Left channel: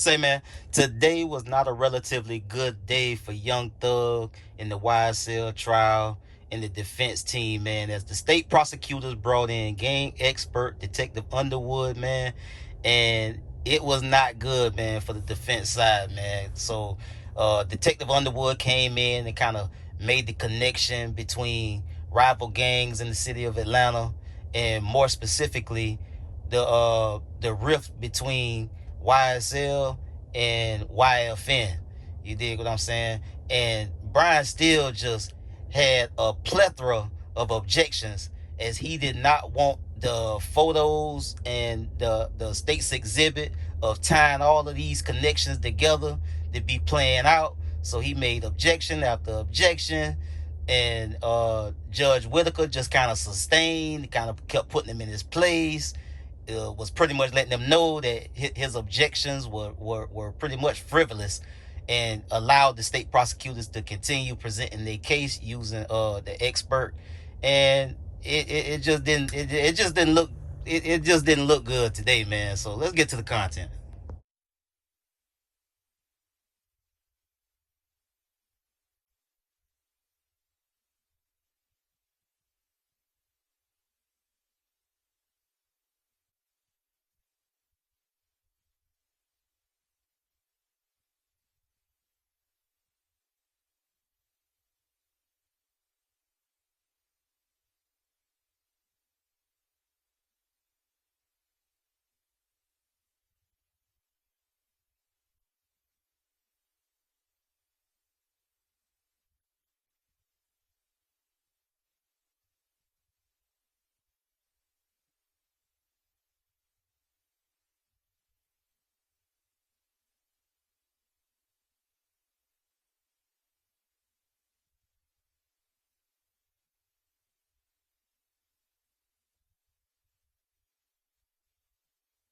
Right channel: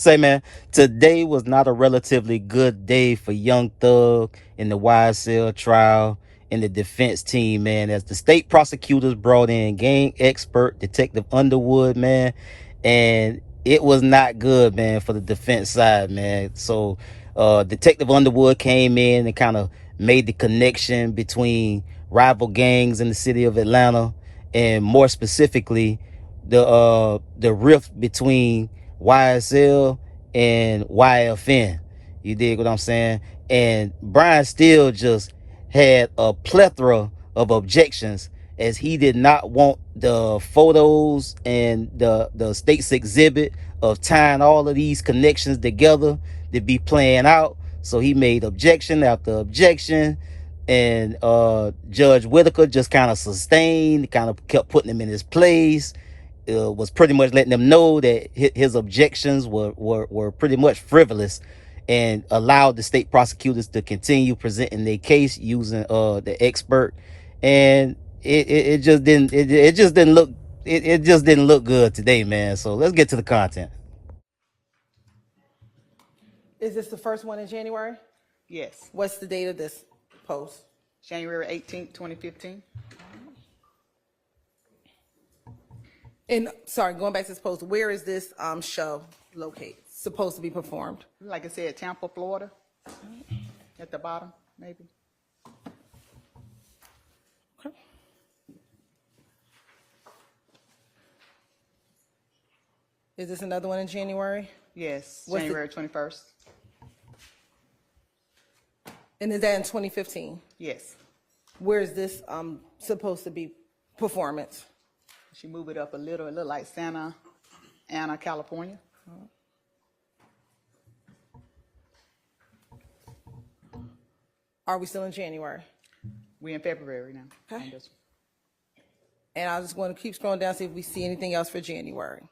Say, man, today was not a relatively good day for Young Thug in the YSL trial and the defense team, man, as the state prosecutors brought in gang expert Detective Underwood, man, and it was not good, man, for the defense side, man. So Detective Underwood came in and kind of made the connection between rival gangs in the city of Atlanta, and more specifically the rift between YSL and YFN. You dig what I'm saying? And Brian still just had a plethora of objections, as he did not want the photos and the state's exhibit of tying all of these connections together to be playing out. So he made objection after objection, and Judge Whitaker just kind of sustained, kind of kept putting him in his place. Was pretty much letting them know that his objections were pretty much frivolous, and allowed the state prosecutors to continue presenting their case using the expert. And it just didn't look good today, man. So let's get to the content. Is this the first one in January? Yes. What's the date of this post? January 18th, 2015. And sorry, going back to this post, where is this show located? Supposed to be performed? Like I said, Tampa, Florida. At the bottom, maybe. Okay. Is this another one in January? Yes, What's January 21st. And is that in 2015? Yes. Where is this supposed to be performance? She moved it up a little. It looked like Santa Ana, California. Are we still in January? We're in February now. Okay. And I just want to keep scrolling down, see if we see anything else for January.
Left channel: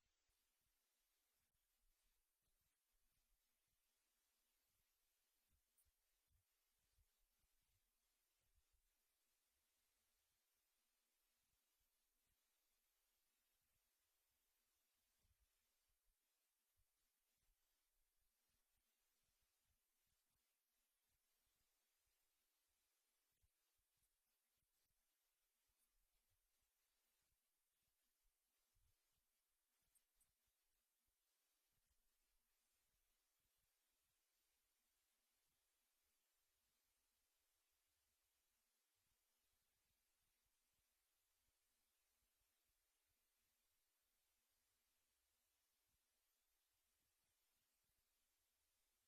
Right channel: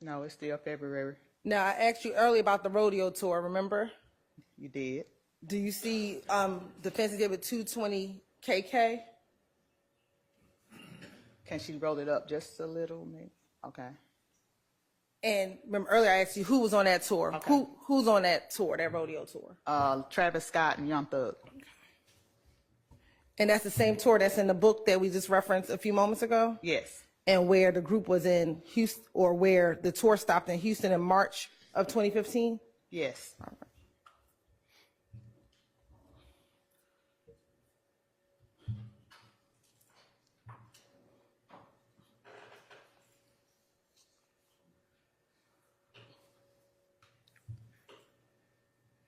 No, it's still February. Now, I asked you earlier about the rodeo tour, remember? You did. Do you see Defense Exhibit 220 KK? Can she roll it up just a little, maybe? Okay. And remember earlier I asked you who was on that tour. Okay. Who's on that tour, that rodeo tour? Travis Scott and Young Thug. And that's the same tour that's in the book that we just referenced a few moments ago? Yes. And where the group was in Houston, or where the tour stopped in Houston in March of 2015? Yes. All right.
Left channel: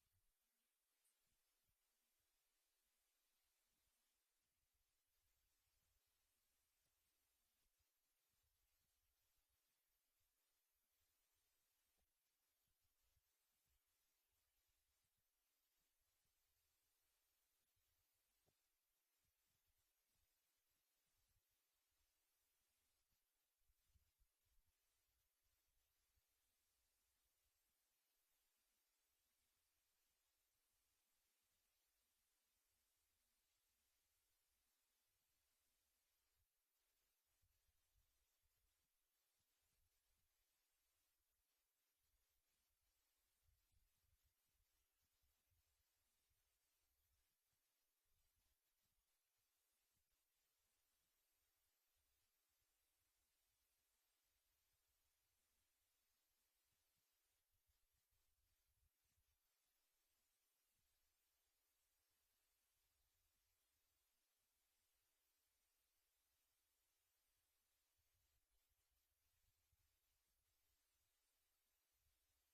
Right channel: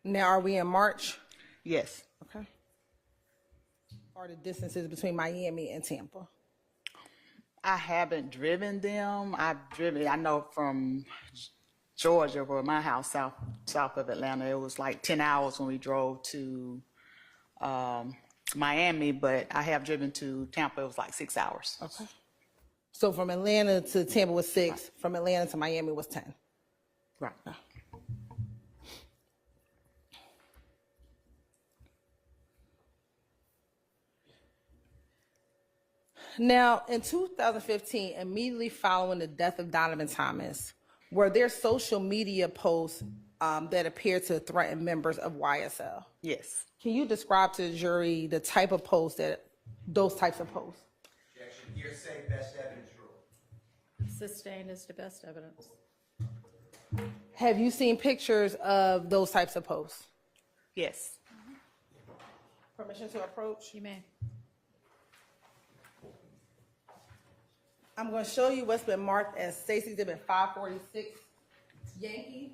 Now, are we in March? Yes. Okay. What are the distances between Miami and Tampa? I haven't driven them. I know from Georgia, where my house, south of Atlanta, it was like 10 hours when we drove to Miami, but I have driven to Tampa. It was like 6 hours. Okay. So from Atlanta to Tampa was 6. Right. From Atlanta to Miami was 10. Right. Now, in 2015, immediately following the death of Donovan Thomas, were there social media posts that appeared to threaten members of YSL? Yes. Can you describe to the jury the type of posts those types of posts? Objection. Hearsay, best evidence rule. Sustained is the best evidence. Have you seen pictures of those types of posts? Yes. Permission to approach? You may. I'm going to show you what's been marked as Stacey Exhibit 546 Yankee.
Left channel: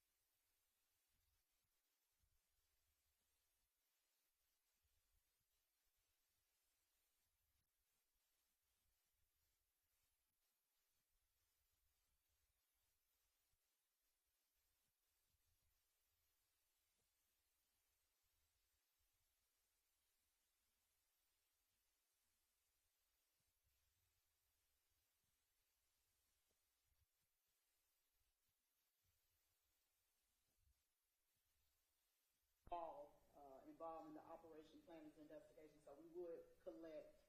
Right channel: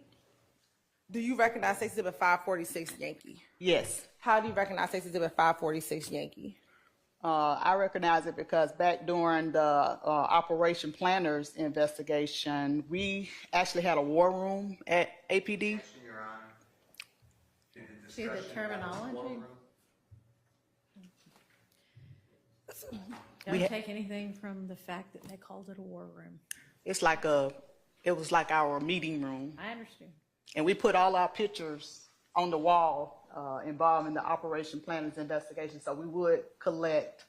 Do you recognize Stacey Exhibit 546 Yankee? Yes. How do you recognize Stacey Exhibit 546 Yankee? I recognize it because back during the Operation Planners investigation, we actually had a war room at APD. Your Honor. See the terminology? Don't take anything from the fact that they called it a war room. It was like our meeting room. I understand. And we put all our pictures on the wall involved in the operation planners investigation. So we would collect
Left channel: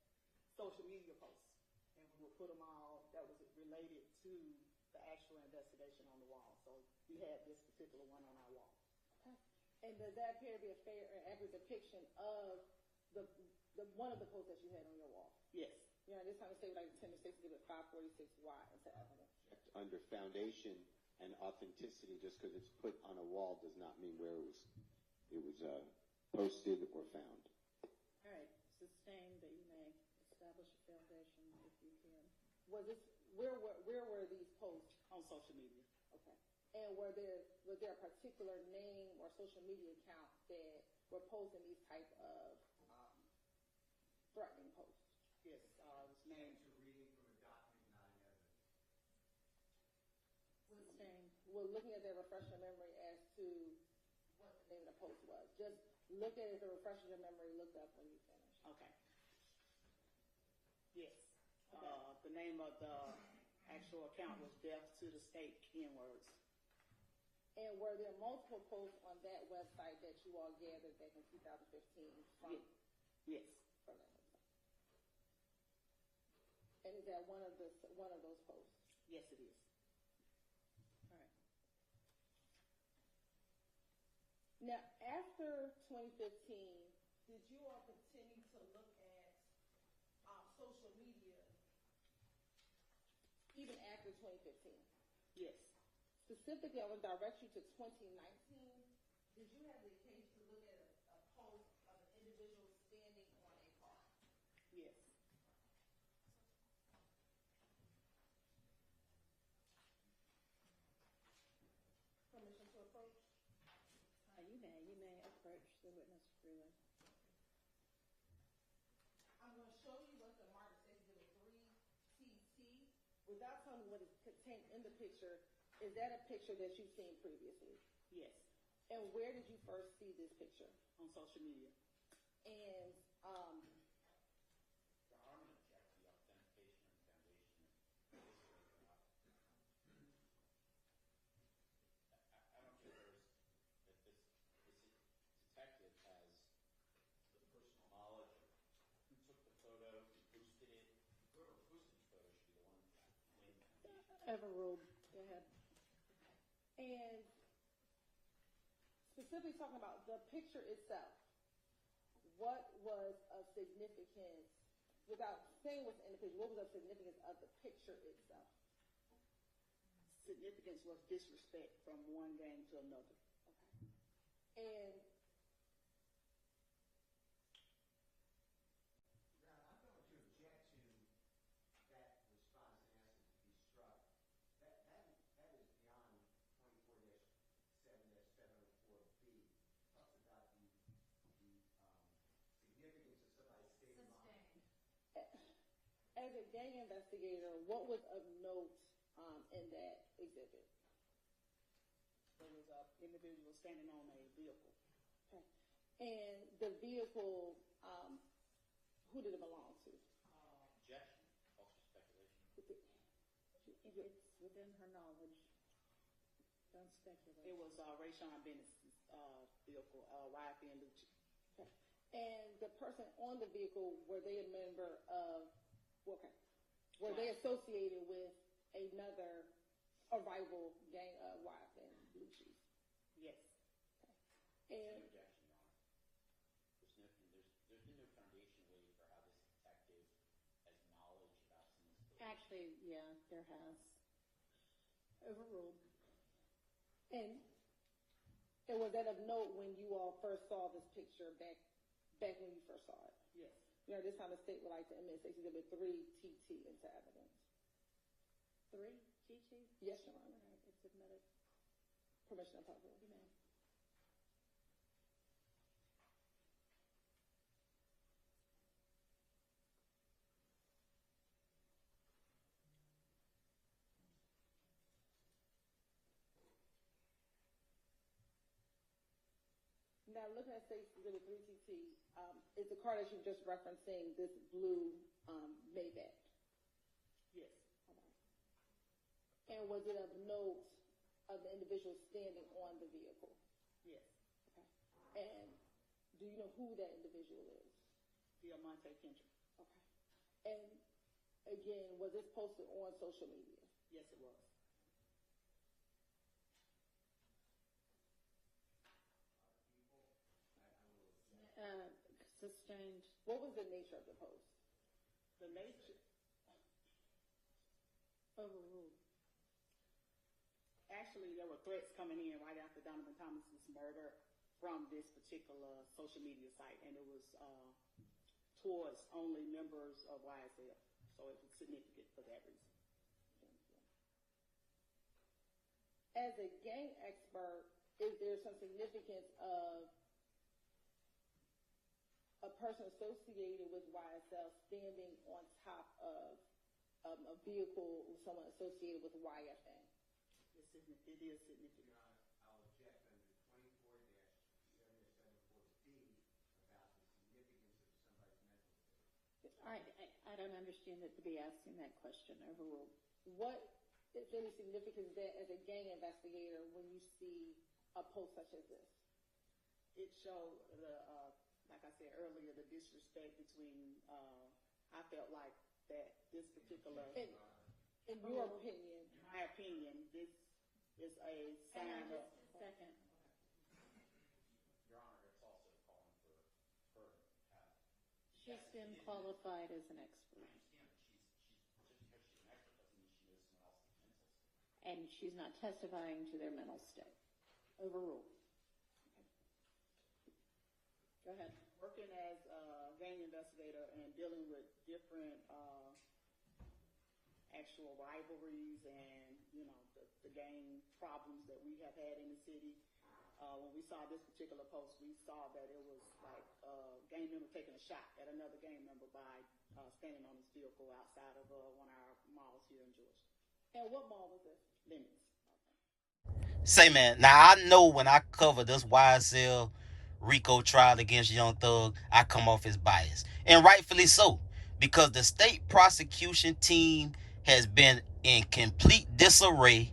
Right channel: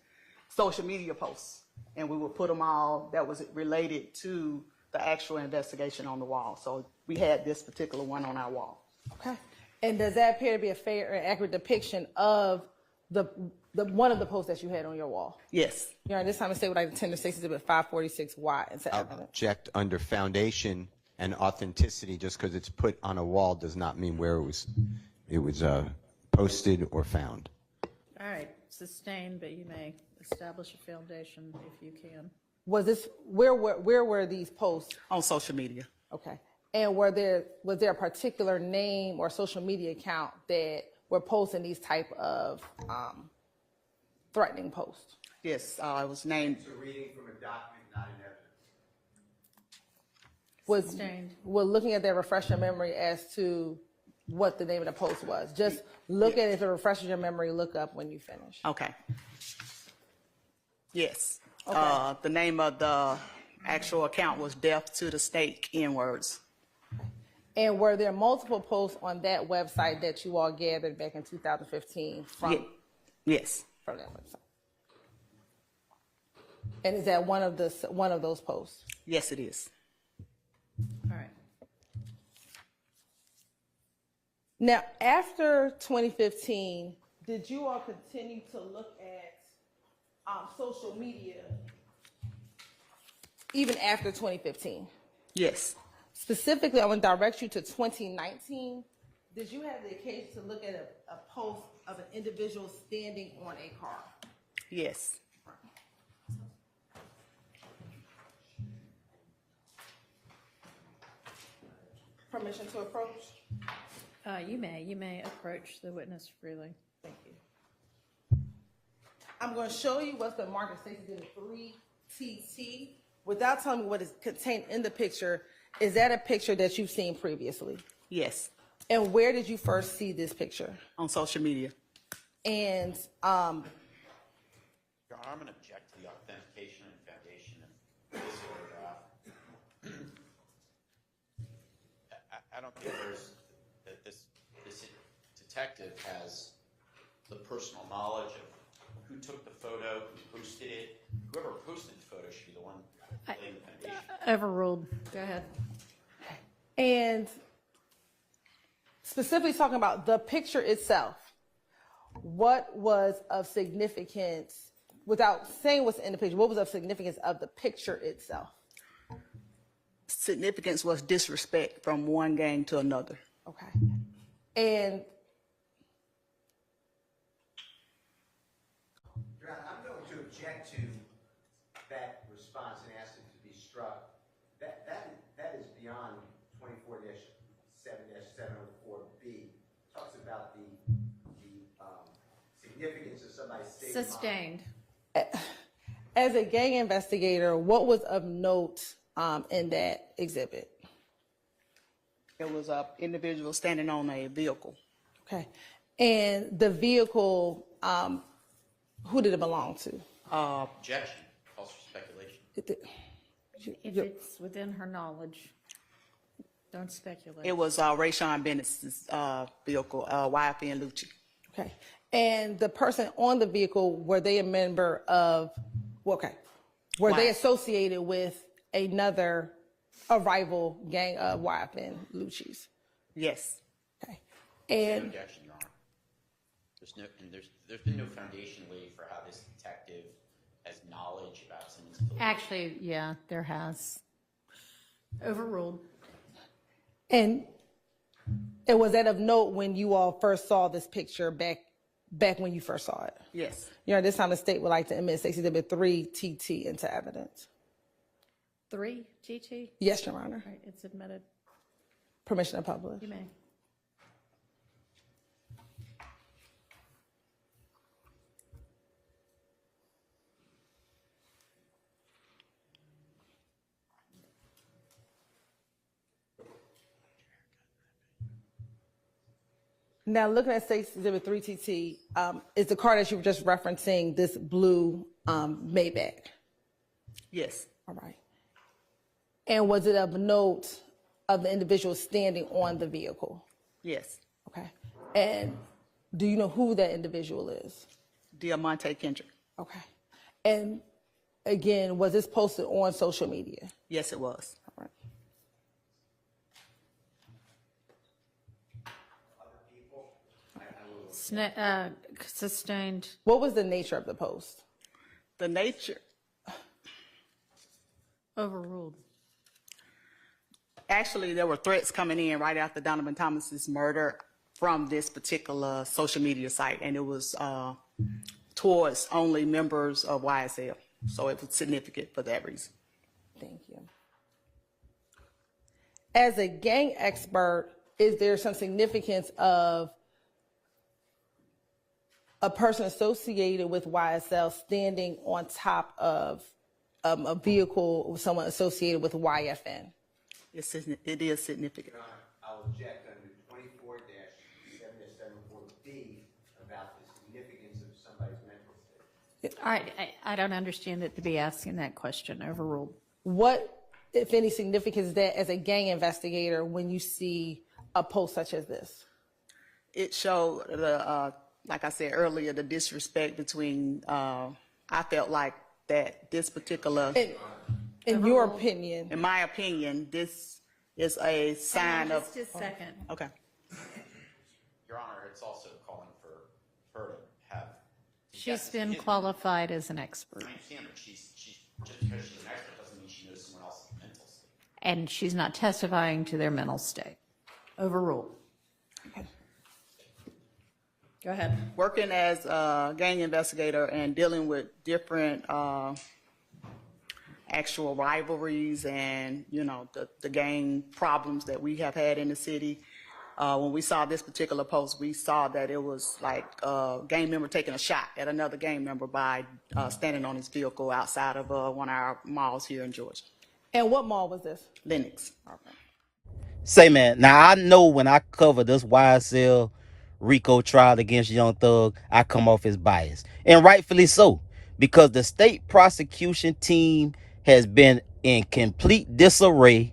social media posts and we would put them all that was related to the actual investigation on the wall. So we had this particular one on our wall. Okay. And does that appear to be a fair and accurate depiction of the one of the posts that you had on your wall? Yes. Your Honor, this time I say what I intend to say exhibit 546Y into evidence. Object under foundation and authenticity. Just because it's put on a wall does not mean where it was posted or found. All right, sustained, but you may establish a foundation if you can. Was this, where were these posts? On social media. Okay. And was there a particular name or social media account that were posting these type of threatening posts? Yes, it was named. It's a reading from a document, not an evidence. Was Sustained. Well, looking at that, refresh your memory as to what the name of the post was. Just look at it. If it refreshes your memory, look up when you finish. Okay. Yes. Okay. The name of the actual account was Death to the State N-words. And were there multiple posts on that website that you all gathered back in 2015 from, Yes. from that website? And is that one of those posts? Yes, it is. All right. Now, after 2015, did you all continue to look at social media even after 2015? Yes. Specifically, I want to direct you to 2019. Did you have the occasion to look at a post of an individual standing on a car? Yes. Permission to approach? You may approach the witness freely. Thank you. I'm going to show you what's been marked as Stacey Exhibit 3TT. Without telling me what is contained in the picture, is that a picture that you've seen previously? Yes. And where did you first see this picture? On social media. And Your Honor, I'm going to object to the authentication and foundation of this photograph. I don't think that this detective has the personal knowledge of who took the photo, who posted it. Whoever posted the photo should be the one laying the foundation. Overruled. Go ahead. And specifically talking about the picture itself, what was of significance, without saying what's in the picture, what was of significance of the picture itself? Significance was disrespect from one gang to another. Okay. And Your Honor, I'm going to object to that response and ask it to be struck. That is beyond 24-7-704B. Talks about the significance of somebody's state of mind. Sustained. as a gang investigator, what was of note in that exhibit? It was an individual standing on a vehicle. Okay. And the vehicle, who did it belong to? Objection. Calls for speculation. If it's within her knowledge, don't speculate. It was Rayshawn Bennett's vehicle, YFN LUCCI. Okay. And the person on the vehicle, were they a member of, okay, were they associated with a rival gang of YFN LUCCI's? Yes. Okay. No And objection, Your Honor. There's been no foundation laid for how this detective has knowledge about someone's political. Actually, yeah, there has. Overruled. And was that of note when you all first saw this picture back when you first saw it? Yes. Your Honor, this time the state would like to admit Stacey Exhibit 3TT into evidence. 3 TT? Yes, Your Honor. Right, it's admitted. Permission to publish. You may. Now, looking at Stacey Exhibit 3TT, is the car that you were just referencing this blue Maybach? Yes. All right. And was it of note of the individual standing on the vehicle? Yes. Okay. And Do you know who that individual is? Diamante Kendrick. Okay. And again, was this posted on social media? Yes, it was. All right. Sustained. What was the nature of the post? The nature, Overruled. actually, there were threats coming in right after Donovan Thomas's murder from this particular social media site, and it was towards only members of YSL. So it was significant for that reason. Thank you. As a gang expert, is there some significance of a person associated with YSL standing on top of a vehicle with someone associated with YFN? It is significant. I'll object under 24-7-74B about the significance of somebody's mental state. I don't understand it to be asking that question. Overruled. What, if any, significance is that as a gang investigator when you see a post such as this? It showed the, like I said earlier, the disrespect between, I felt like that this particular, In your opinion, in my opinion, this is a sign of, Just a second. okay. Your Honor, it's also calling for her to have. She's been qualified as an expert. I understand, but she's just because she's an expert doesn't mean she knows someone else's mental state. And she's not testifying to their mental state. Overruled. Go ahead. Working as a gang investigator and dealing with different actual rivalries and, you know, the gang problems that we have had in the city. When we saw this particular post, we saw that it was like a gang member taking a shot at another gang member by standing on his vehicle outside of one of our malls here in Georgia. and what mall was this? Lennox. Say, man, now I know when I cover this YSL RICO trial against Young Thug, I come off as biased. And rightfully so, because the state prosecution team has been in complete disarray.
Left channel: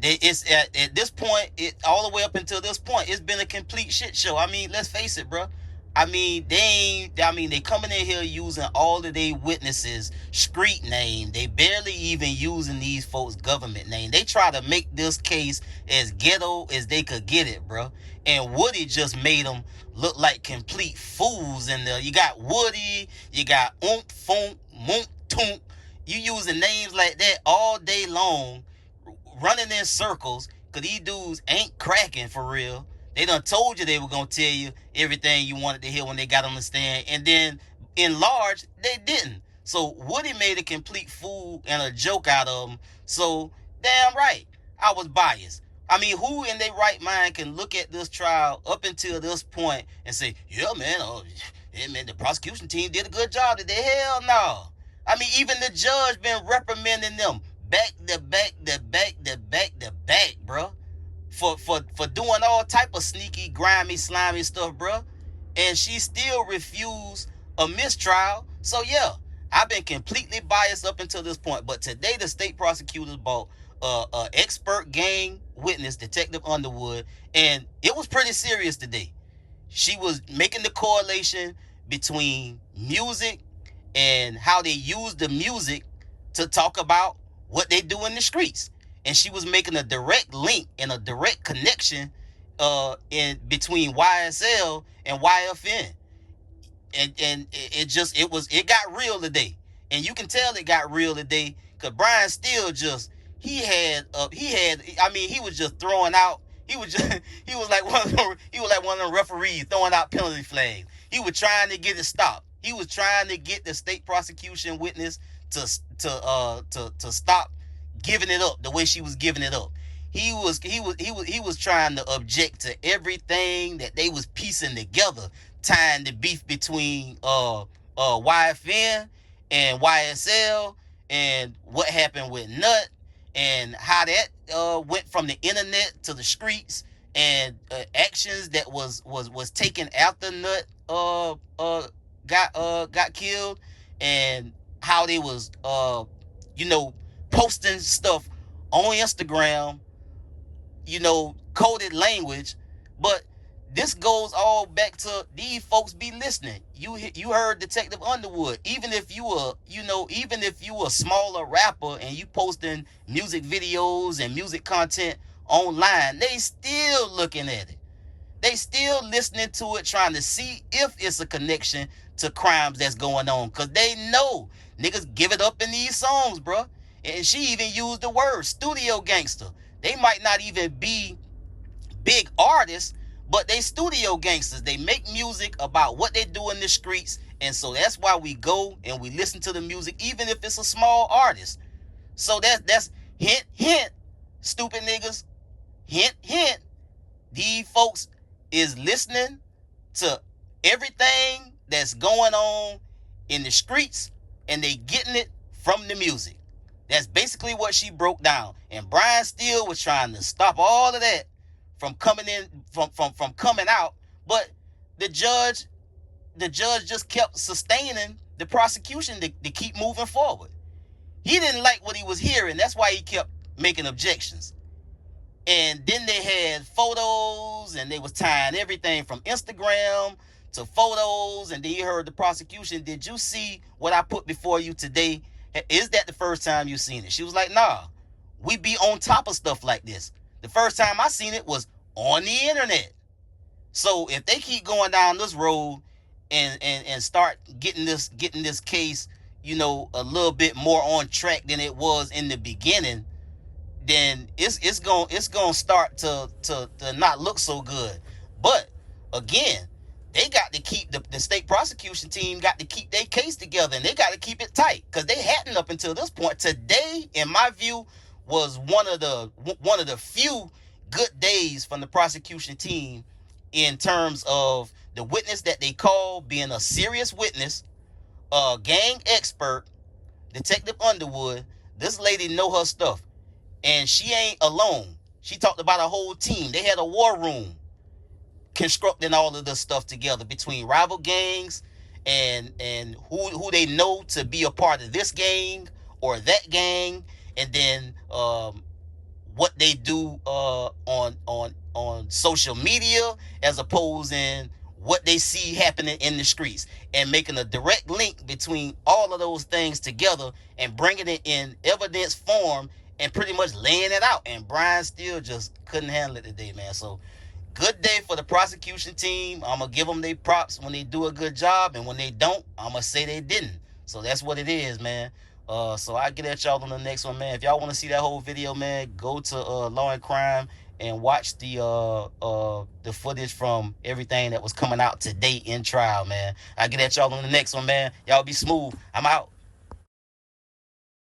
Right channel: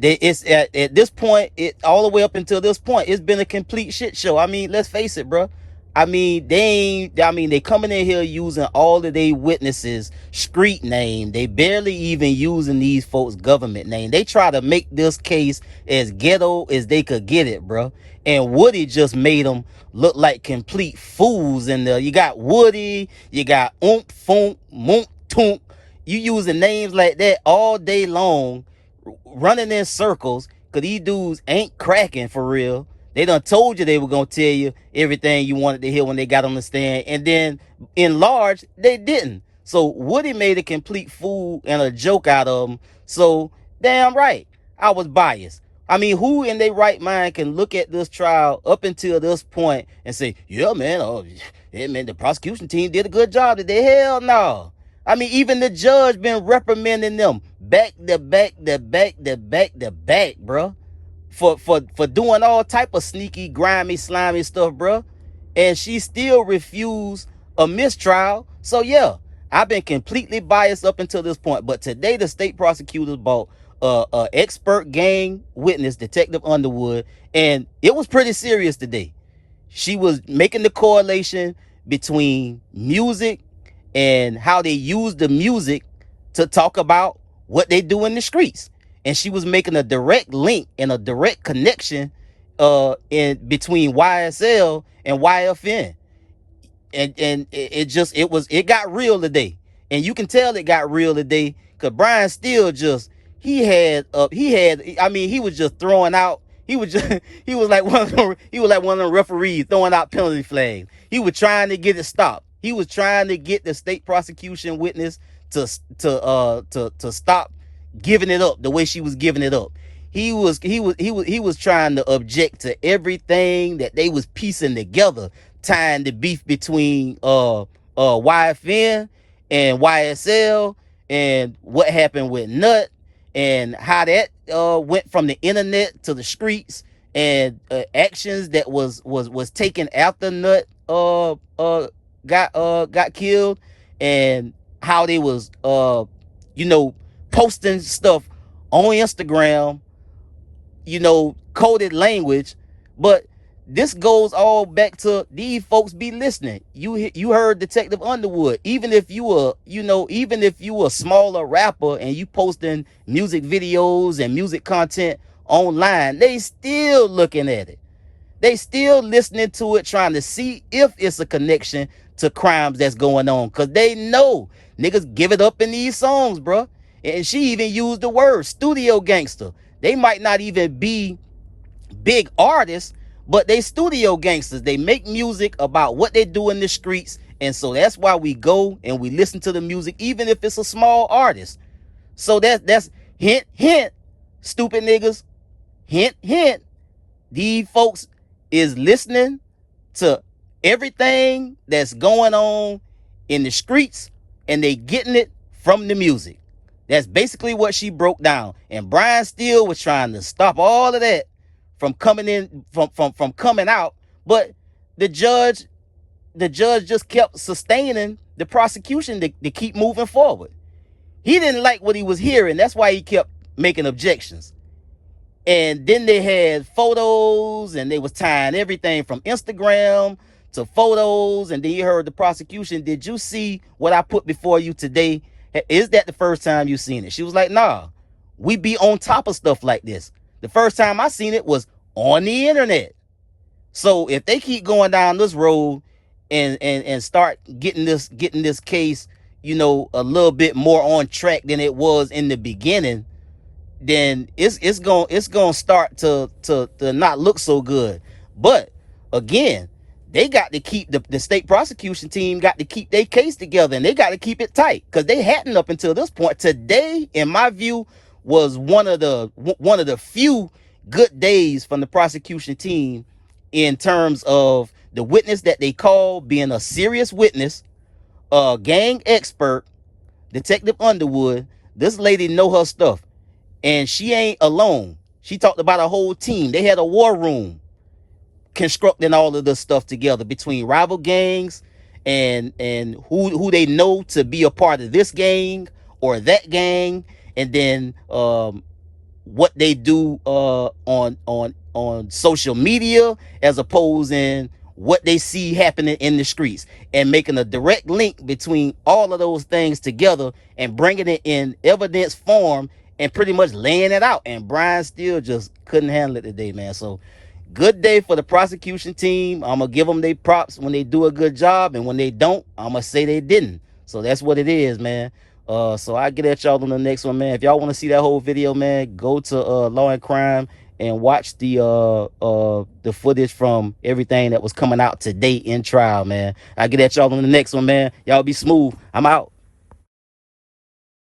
It's at this point, all the way up until this point, it's been a complete shit show. I mean, let's face it, bro. I mean, they coming in here using all of their witnesses' street name. They barely even using these folks' government name. They try to make this case as ghetto as they could get it, bro. And Woody just made them look like complete fools in there. You got Woody, you got Oomp Foomp, Moomp Toomp. You using names like that all day long, running in circles, because these dudes ain't cracking for real. They done told you they were going to tell you everything you wanted to hear when they got on the stand. And then, in large, they didn't. So, Woody made a complete fool and a joke out of them. So, damn right, I was biased. I mean, who in their right mind can look at this trial up until this point and say, yeah, man, the prosecution team did a good job today? Hell no. I mean, even the judge been reprimanding them back to back, bro. For doing all type of sneaky, grimy, slimy stuff, bro. And she still refused a mistrial. So yeah, I've been completely biased up until this point. But today the state prosecutors brought expert gang witness, Detective Underwood, and it was pretty serious today. She was making the correlation between music and how they use the music to talk about what they do in the streets. And she was making a direct link and a direct connection in between YSL and YFN. And it got real today. And you can tell it got real today because Brian Steele he was just throwing out. He was like one of the referees throwing out penalty flags. He was trying to get it stopped. He was trying to get the state prosecution witness to stop giving it up the way she was giving it up. He was trying to object to everything that they was piecing together, tying the beef between YFN and YSL and what happened with Nut and how that went from the internet to the streets and actions that was taken after Nut got killed, and how they was posting stuff on Instagram, coded language. But this goes all back to these folks be listening. You heard Detective Underwood. Even if you a smaller rapper and you posting music videos and music content online, they still looking at it. They still listening to it, trying to see if it's a connection to crimes that's going on. Cause they know niggas give it up in these songs, bro. And she even used the word studio gangster. They might not even be big artists, but they studio gangsters. They make music about what they do in the streets. And so that's why we go and we listen to the music, even if it's a small artist. So that's hint, hint, stupid niggas. Hint, hint. These folks is listening to everything that's going on in the streets, and they getting it from the music. That's basically what she broke down. And Brian Steele was trying to stop all of that from coming in, from coming out, but the judge just kept sustaining the prosecution to keep moving forward. He didn't like what he was hearing. That's why he kept making objections. And then they had photos, and they was tying everything from Instagram to photos. And then you heard the prosecution. Did you see what I put before you today? Is that the first time you seen it? She was like, nah, we be on top of stuff like this. The first time I seen it was on the internet. So if they keep going down this road and start getting this case, a little bit more on track than it was in the beginning, then it's gonna start to not look so good. But again, they got to keep the state prosecution team got to keep their case together, and they got to keep it tight, because they hadn't up until this point. Today, in my view, was one of the few good days from the prosecution team in terms of the witness that they called being a serious witness, a gang expert, Detective Underwood. This lady know her stuff. And she ain't alone. She talked about a whole team. They had a war room constructing all of this stuff together between rival gangs and who they know to be a part of this gang or that gang, and then what they do on social media, as opposed in what they see happening in the streets, and making a direct link between all of those things together and bringing it in evidence form and pretty much laying it out. And Brian Steele just couldn't handle it today, man. So good day for the prosecution team. I'm gonna give them their props when they do a good job, and when they don't, I'm gonna say they didn't. So that's what it is, man. So I get at y'all on the next one, man. If y'all want to see that whole video, man, go to Law and Crime and watch the footage from everything that was coming out today in trial, man. I get at y'all on the next one, man. Y'all be smooth. I'm out.